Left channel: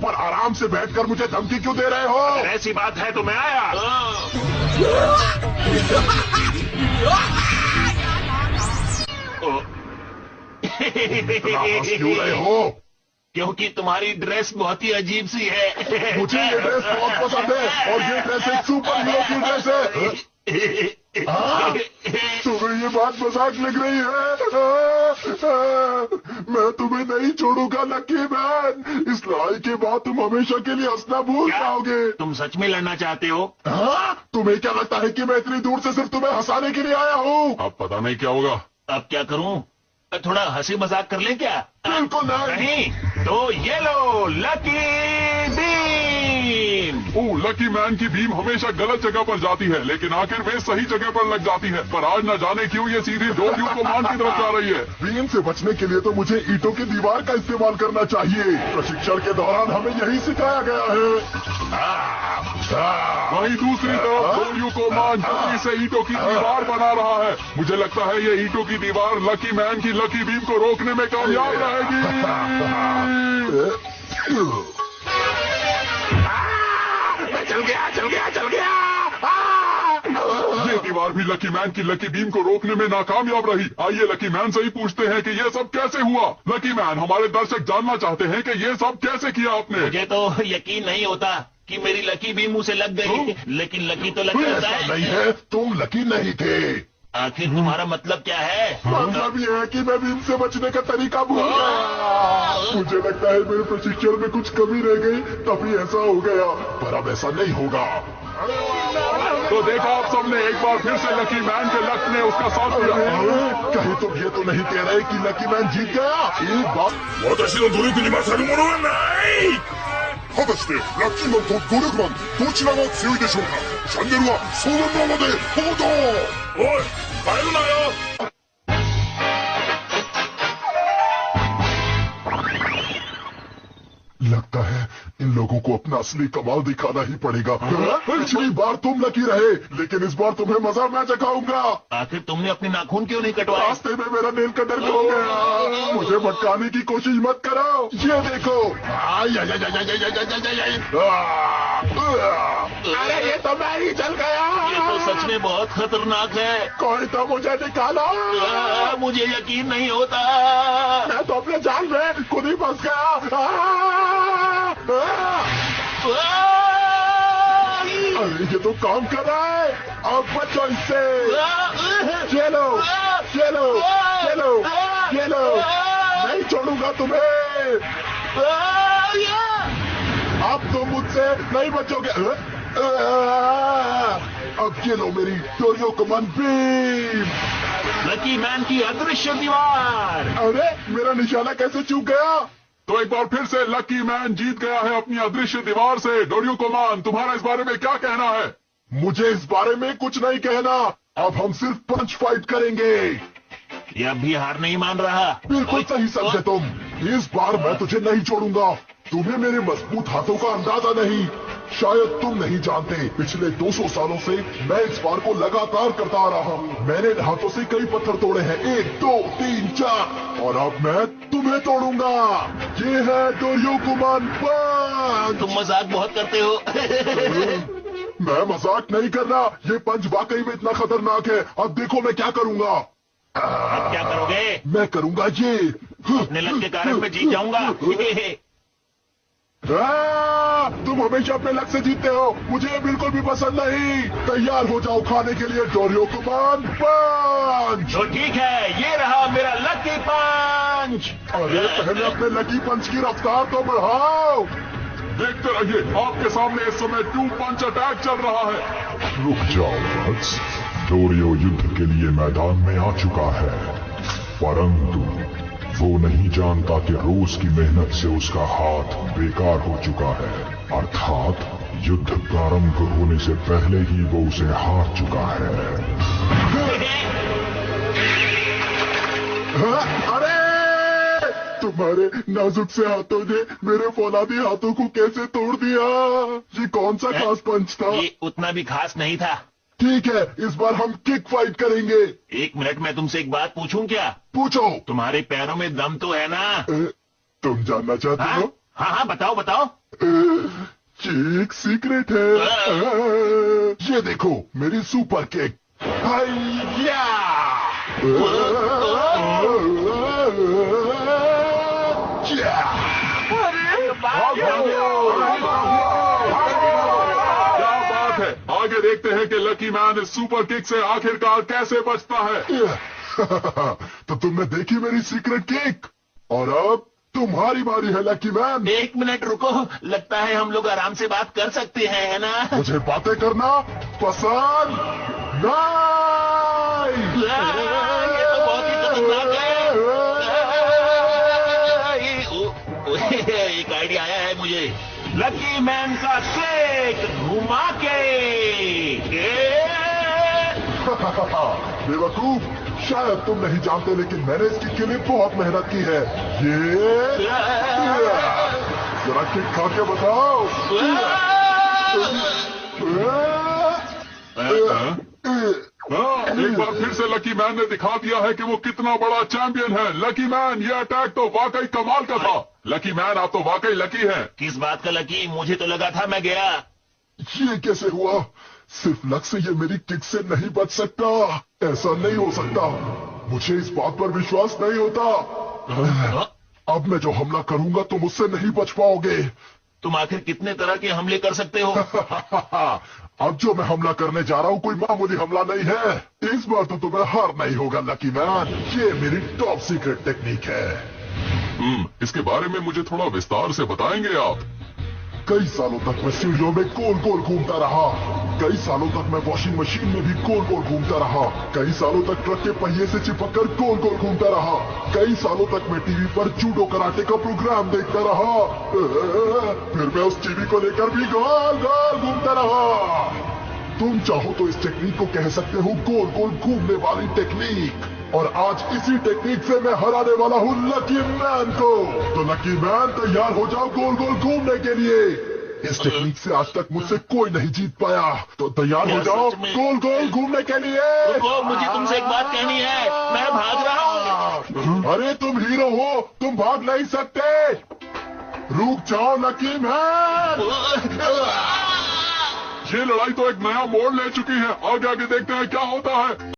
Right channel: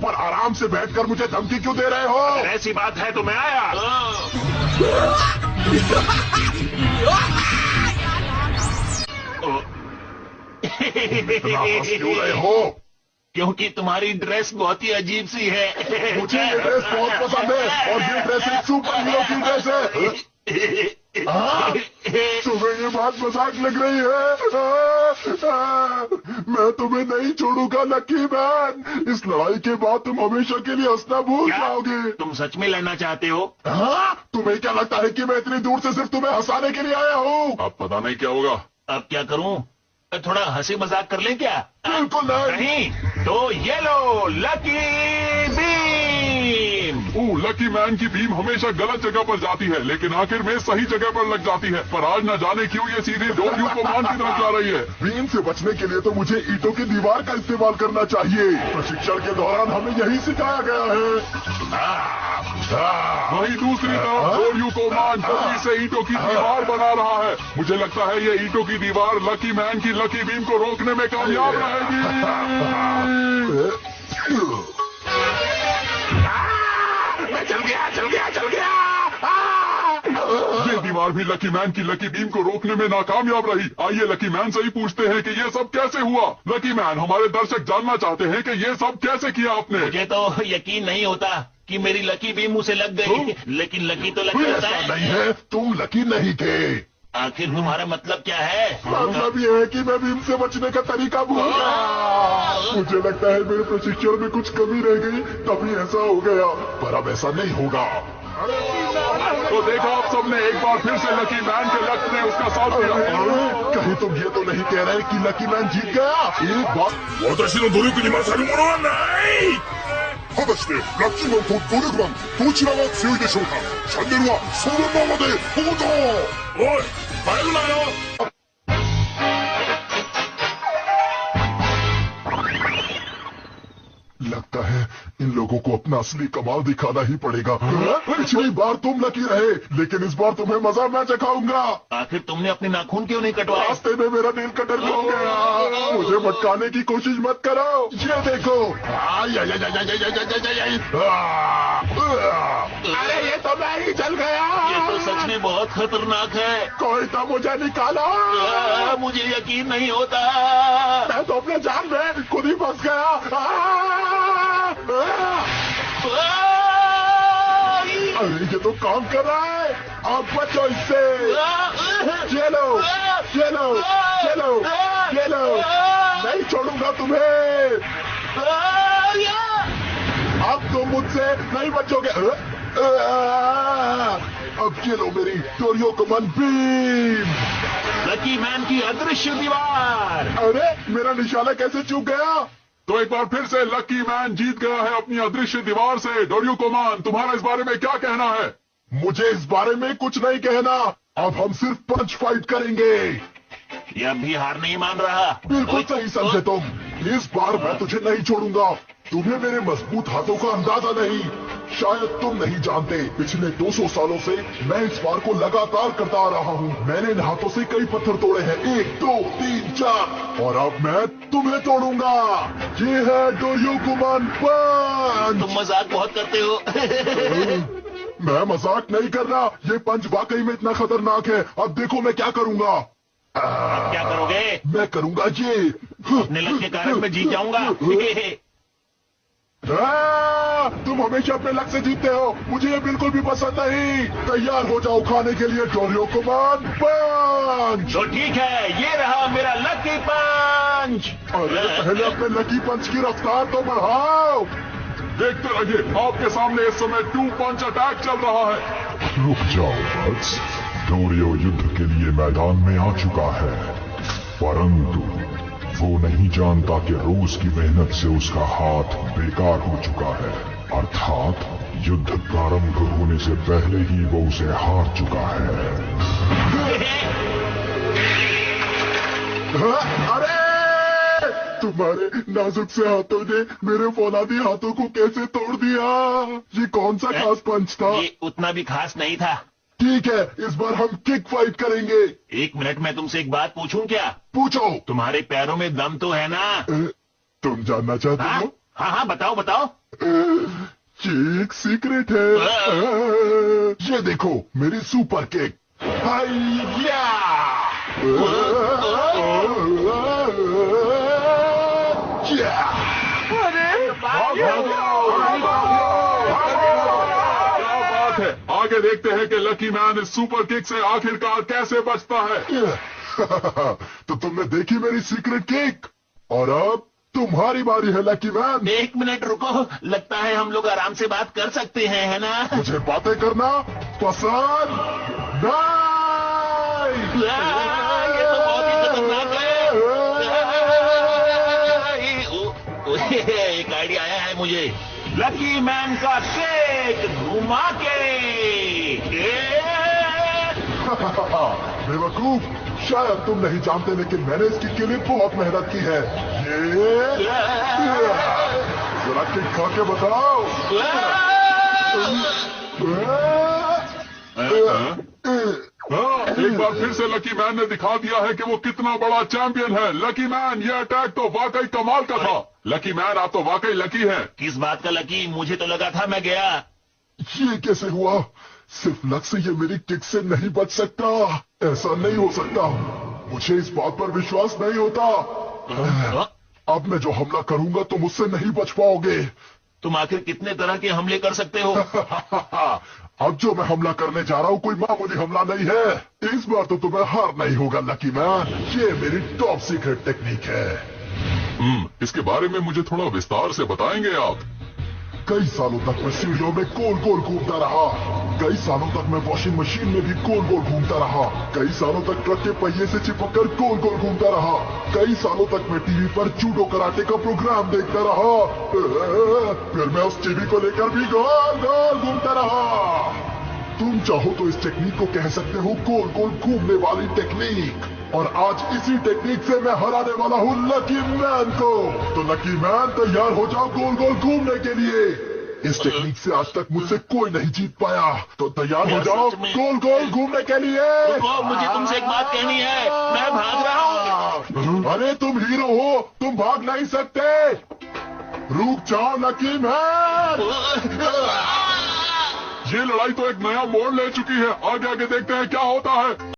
ऊपर आराम से बैठकर मुझे धमकी क्यों दे रहे हो? ऐसी बात है तो मैं आया। हंस क्यों रहे हो? क्योंकि तुम्हारी ड्रेस बहुत ही अजीब सी है। मुझे ड्रेस बहुत पसंद है और ये ड्रेस एक सुपर हीरो की ड्रेस है। तुम्हें ये बात मजाक लग रही है? मैं तुम्हें नहीं छोड़ूंगा लकी मैन। इस लड़ाई के बाद तुम हमेशा के लिए हंसना भूल जाओगे। तुम सच में लड़ना चाहते हो? हाँ? तुम्हें क्या लगता है कि मैं इतनी दूर से सिर्फ तुम्हें हंसाने के लिए आया हूँ? अब पता नहीं क्या होगा। अब क्या करूं? थोड़ा हंसी मजाक कर लें क्या? बिल्कुल नहीं। तो ये लो लकी बीम। लकी मैन की बीम हमेशा गलत जगह पर जाती है, लेकिन आखिर में सही जगह पर लग जाती है। पर आज न जाने क्यों ये सीधे डोरियो कमान की तरफ जा रही है। बीम से बचने के लिए तो मुझे ईंटों की दीवार का इस्तेमाल करना चाहिए। प्रशिक्षण के दौरान हमें यही सिखाया गया है। वहीं दूसरी तरफ डोरियो कमान जल्दी से ईंटों की दीवार बना रहा है। मुझे लगता है ये ईंटों की दीवार लकी मैन की लकी बीम को रोकने में कामयाब रहेगी। चल गया। ये दीवार भी लकी मैन की लकी बीम को रोकने में नाकामयाब रही। आइए लकी मैन से ही पूछते हैं कि ये सब कैसे हुआ। लकी मैन, हमारे दर्शक जानना चाहते हैं कि ये सब कैसे किया आपने। मुझे तो यकीन नहीं होता कि मेरी लकी बीम मुझे लग गई, लेकिन लकी तो लकी होता ऐसा नहीं है, तुम लकी नहीं थे। आखिर तुम्हारा मतलब क्या है? मतलब ये है कि मैं बीम से बचने का तरीका भूल गया। मुझे लगता है मेरे प्रशिक्षण में कुछ कमी रह गई, तभी ऐसा हो गया। पर अब ऐसा नहीं होगा। तो देखा आप सबने, एक बार फिर से लकी मैन के लक ने उसका साथ दिया। कहीं तुम ये तो नहीं कह रहे कि लकी मैन जीत गया? एक बात 私の努力に勝るものはない。果たしてラッキーマンと努力マンどちらが強いでしょうか。チャンネルはそのままで報道。おい、帰るなよ。लगता है इन लोगों को अपना असली कमाल दिखाना ही पड़ेगा। पिछली बार तुम लकी रहे, लेकिन इस बार तुम्हें मजा मैं चखाऊंगा। आखिर तुमने अपने नाखून क्यों नहीं कटवाए? रास्ते में मेरा नेल कटर खो गया। मुझे भटकाने की कोशिश मत कराओ। ये देखो। अरे ये तो मैं ही चल गया। ये तो सच में बहुत खतरनाक है। कोई तो मुझे निकालो। मुझे यकीन नहीं होता। मैं तो अपने जाल में खुद ही फंस गया। अरे ये तो काम कर रहा है। अब बचो इससे। चलो चलो चलो चलो, नहीं छोड़ूंगा तुम्हें। अब तुम मुझसे नहीं बचोगे। अब ये लो मेरी डोरियो कमान बीम। लकी मैन की अदृश्य दीवार। अरे मेरा निशाना कैसे चूक गया? तो एक बार फिर से लकी मैन जीत गया है अपनी अदृश्य दीवार से। डोरियो कमान, तुम्हारा इस बारे में क्या कहना है? मुझे इस बारे में कुछ नहीं कहना। अब हम सिर्फ पंच फाइट करेंगे। ये अब भी हार नहीं मान रहा। बिल्कुल सही समझे तुम। इस बार मैं तुझे नहीं छोड़ूंगा। तुम्हें मेरे मजबूत हाथों का अंदाजा नहीं। शायद तुम नहीं जानते, पिछले 200 सालों से मैं इस बार को लगातार करता आ रहा हूँ। मैंने इन हाथों से कई पत्थर तोड़े हैं, 1 2 3 4, और अब मैं तुम्हें तोड़ूंगा। ये है डोरियो कमान पंच। तुम मजाक बहुत करते हो। मैं मजाक नहीं कर रहा, ये पंच वाकई में इतना खतरनाक है। अब देखो मैं क्या करूंगा। अब क्या करोगे? मैं करूंगा ये। अपने लक के कारण मैं जीत जाऊंगा। तुम हमेशा अपने लक से जीतते हो, मुझे ये बिल्कुल भी पसंद नहीं। तैयार हो जाओ खाने के लिए डोरियो कमान पंच। तो ठीक है, ये रहा मेरा लकी पंच। अरे पहले अपने लकी पंच की रफ्तार तो बढ़ाओ। देखते रहिए, आपके सामने इस समय 2 पंच अटैक चल रहा है। रुक जाओ वत्स, डोरियो युद्ध के लिए मैदान में आ चुका है, परंतु वो नहीं जानता कि रोज की मेहनत से उसका हाथ बेकार हो चुका है। अर्थात युद्ध प्रारंभ होने से पहले ही वो उसे हार चुका है। अरे तुम्हारे नाजुक से हाथों ने मेरे फौलादी हाथों को कैसे तोड़ दिया? ये कौन सा खास पंच था? ये उतना भी खास नहीं था। ठीक है, इस बार हम किक फाइट करेंगे। 1 मिनट में तुमसे एक बात पूछूं क्या? पूछो। तुम्हारे पैरों में दम तो है ना? तुम जानना चाहते हो? हाँ हाँ, बताओ बताओ। ये एक सीक्रेट है। ये देखो मेरी सुपर केक। हाइया! क्या बात है, आगे देखते हैं कि लकी मैन इस सुपर किक से आखिरकार कैसे बचता है। तो तुमने देखी मेरी सीक्रेट केक, और अब तुम्हारी बारी है लकी मैन। 1 मिनट रुको, लगता है हम लोग आराम से बात कर सकते हैं, है ना? मुझे बातें करना पसंद नहीं। ये तो बहुत ही खतरनाक है। एक आइडिया आया है मुझे। लकी मैन का शेक घुमा के। बेवकूफ, शायद तुम नहीं जानते, लेकिन मैंने इसकी के लिए बहुत मेहनत की है। ये जरा केक खा के बताओ। एक बार फिर से लकी मैन ने दिखा दिया है कि वो कितना बड़ा चैंपियन है। लकी मैन, ये अटैक तो वाकई कमाल का था। लकी मैन, आप तो वाकई लकी हैं। किस बात का लकी? मुझे तो लगा था मैं गया। ये कैसे हुआ? सिर्फ लक से ये मेरी किक से नहीं बच सकता। ऐसा नहीं हो सकता। मुझे इस बात पर विश्वास नहीं होता। अब मैं जो हमला करूंगा तुम उससे नहीं बच पाओगे। तुम आखिर कितने तरह के हमले कर सकते हो? अब जो मैं हमला करने जा रहा हूँ कोई मामूली हमला नहीं है। इस बार तो तुम्हें हार नहीं होगा लकी मैन। ये मेरी टॉप सीक्रेट टेक्निक है। इसके बारे में मुझे थोड़ा विस्तार से बताएंगे आप? कई सालों तक मैं सीढ़ियों में गोल गोल घूमता रहा। कई सालों तक मैं वॉशिंग मशीन में भी गोल गोल घूमता रहा। कई सालों तक ट्रक के पहिए से चिपक कर गोल गोल घूमता रहा। कई सालों तक मैं टीवी पर जूडो कराटे का प्रोग्राम देखता रहा। फिर मैं उस टीवी को लेकर भी गोल गोल घूमता रहा। तुम चाहो तो इस टेक्निक को कह सकते हो गोल गोल घूमने वाली टेक्निक। और आज इसी टेक्निक से मैं हराने वाला हूँ लकी मैन को। तो लकी मैन, तैयार हो जाओ गोल गोल घूमने के लिए। इस टेक्निक से आज तक मुझसे कोई नहीं जीत पाया। तो तैयार हो जाओ गोल गोल घूमने के लिए। रुको, मुझे तुमसे एक बात कहनी है। मैं भाग रहा हूँ। अरे तुम हीरो हो, तुम भाग नहीं सकते। रुक जाओ लकी मैन। ये लड़ाई तो एक नया मोड़ ले चुकी है। आगे आगे देखते हैं क्या होता है।